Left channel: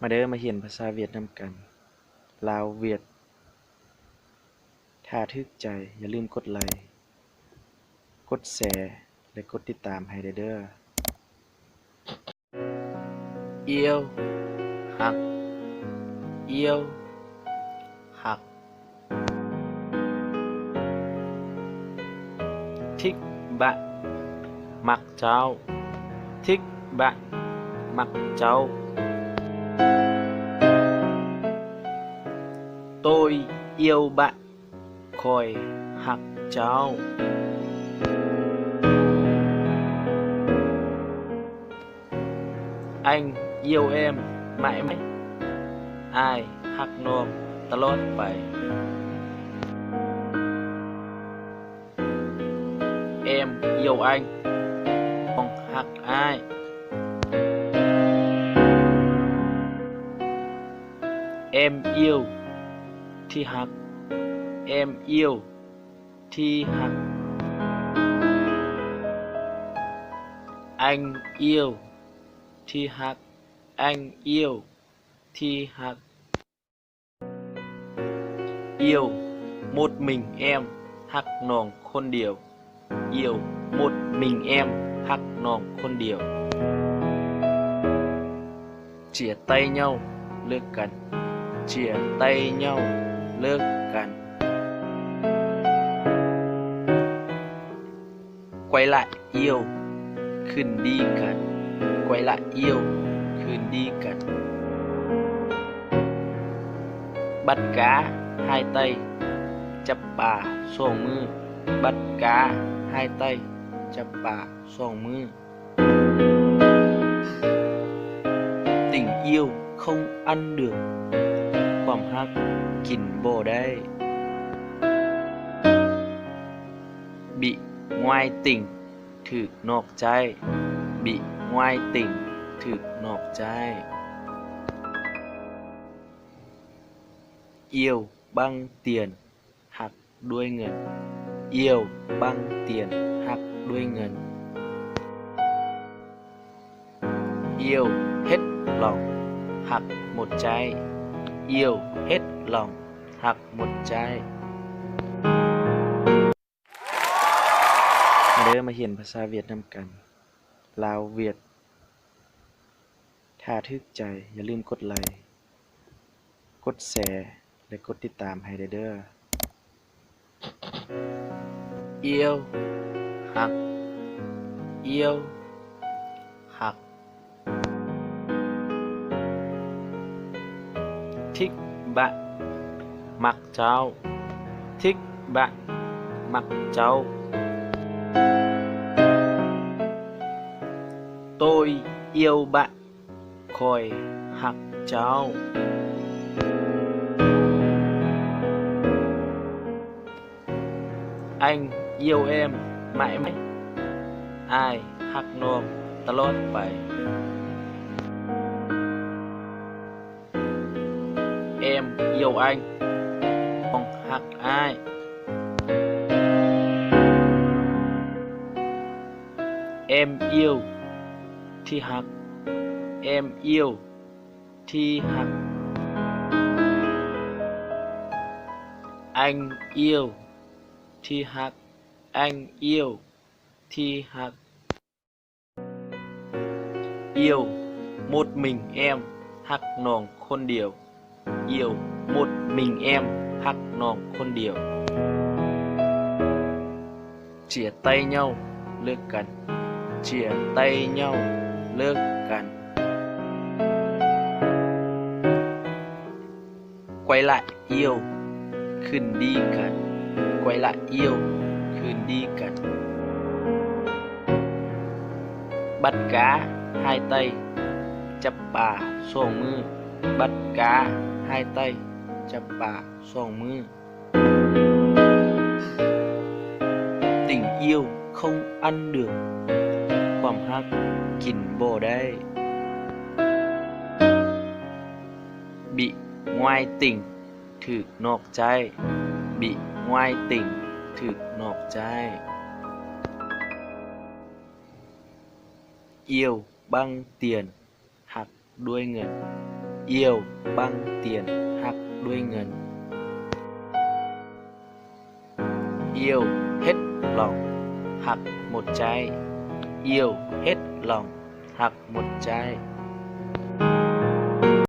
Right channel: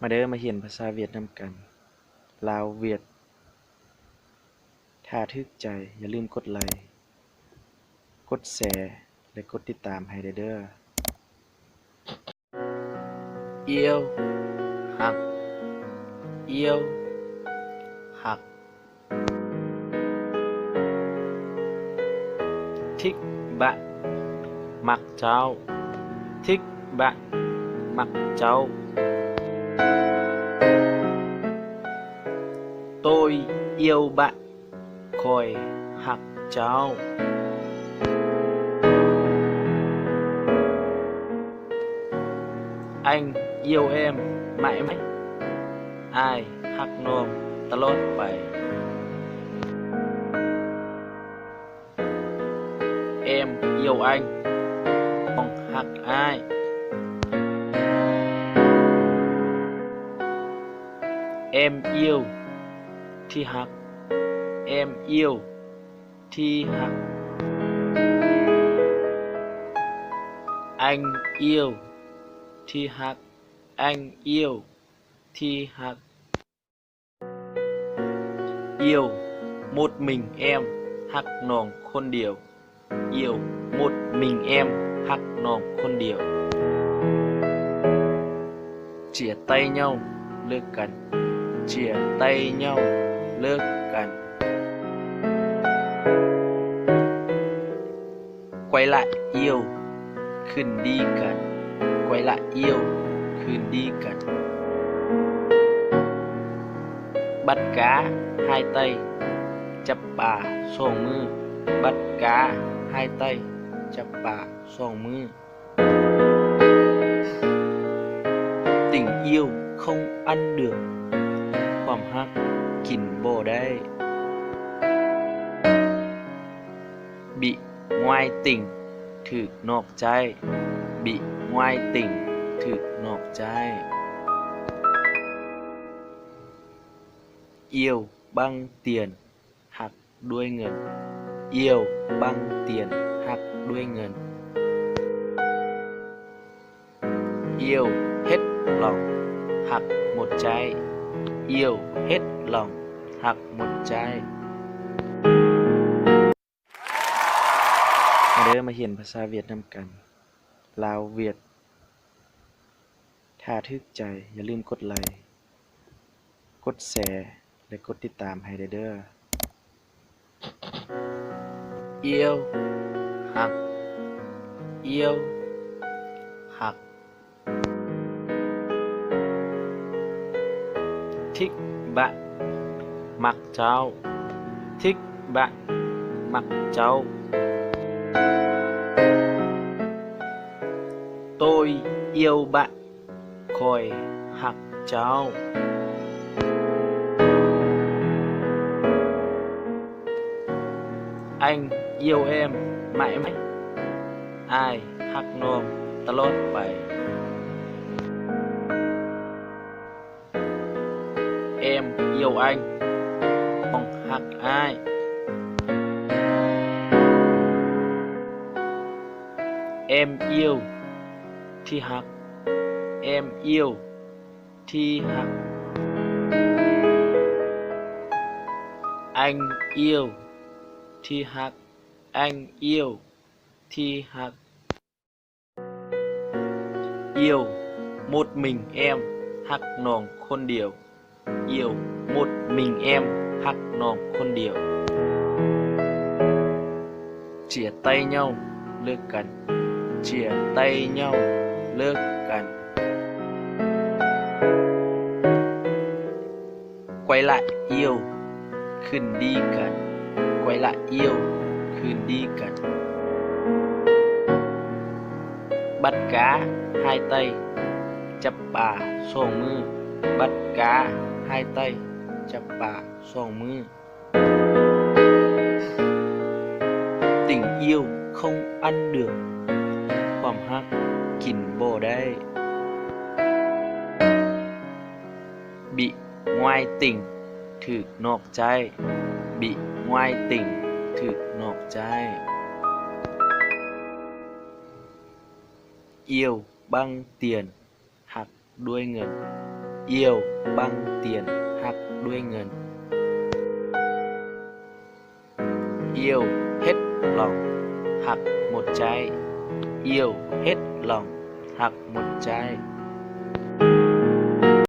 มาเด้อมาเรียนภาษาเวียดนำกันลาวเวียดถ้าถูกใจอย่าลืมกดไลค์กดแชร์และกดติดตามให้เด้อ yêu hoặc yêu hoặc thích bạn mặc cháu thích bạn mặc cháu tôi yêu bạn khỏi học cháu anh yêu em mãi mãi ai hắc nômตลอดไป em yêu anh không hắc ai em yêu thì hắc em yêu thì hắc anh yêu thì hắc anh yêu thì hắc yêu một mình em hắc nòngคนเดียว yêu một mình em hắc nòngคนเดียว chia tay nhau ลิกกัน chia tay nhauเลิกกัน quay lại yêu คืนดีกัน quay lại yêu คืนดีกัน bắt cá hai tay จับปลาสองมือ bắt cá hai tay จับปลาสองมือ tình yêu không ăn được ความฮักกินบ่ได้ bị ngoại tình ถูกนอกใจ bị ngoại tình ถูกนอกใจ yêu bằng tiền หักด้วยเงิน yêu bằng tiền หักด้วยเงิน yêu hết lòng หักหมดใจ yêu hết lòng หักหมดใจ มาเด้อมาเรียนภาษาเวียดนำกันลาวเวียดถ้าถูกใจอย่าลืมกดไลค์กดแชร์และกดติดตามให้เด้อ yêu hoặc yêu hoặc thích bạn mặc cháu thích bạn mặc cháu tôi yêu bạn khỏi học cháu anh yêu em mãi mãi ai hắc nôm ตลอดไป em yêu anh không hắc ai em yêu thì hắc em yêu thì hắc anh yêu thì hắc anh yêu thì hắc yêu một mình em hắc nòng คนเดียว yêu một mình em hắc nòng คนเดียว chia tay nhau เลิกกัน chia tay nhau เลิกกัน quay lại yêu คืนดีกัน quay lại yêu คืนดีกัน bắt cá hai tay จับปลาสองมือ bắt cá hai tay จับปลาสองมือ tình yêu không ăn được ความฮักกินบ่ได้ bị ngoại tình ถูกนอกใจ bị ngoại tình ถูกนอกใจ yêu bằng tiền หักด้วยเงิน Yêu bằng tiền hoặc đuôi ngần. Yêu hết lòng hoặc một trái. Yêu hết lòng hoặc một trái.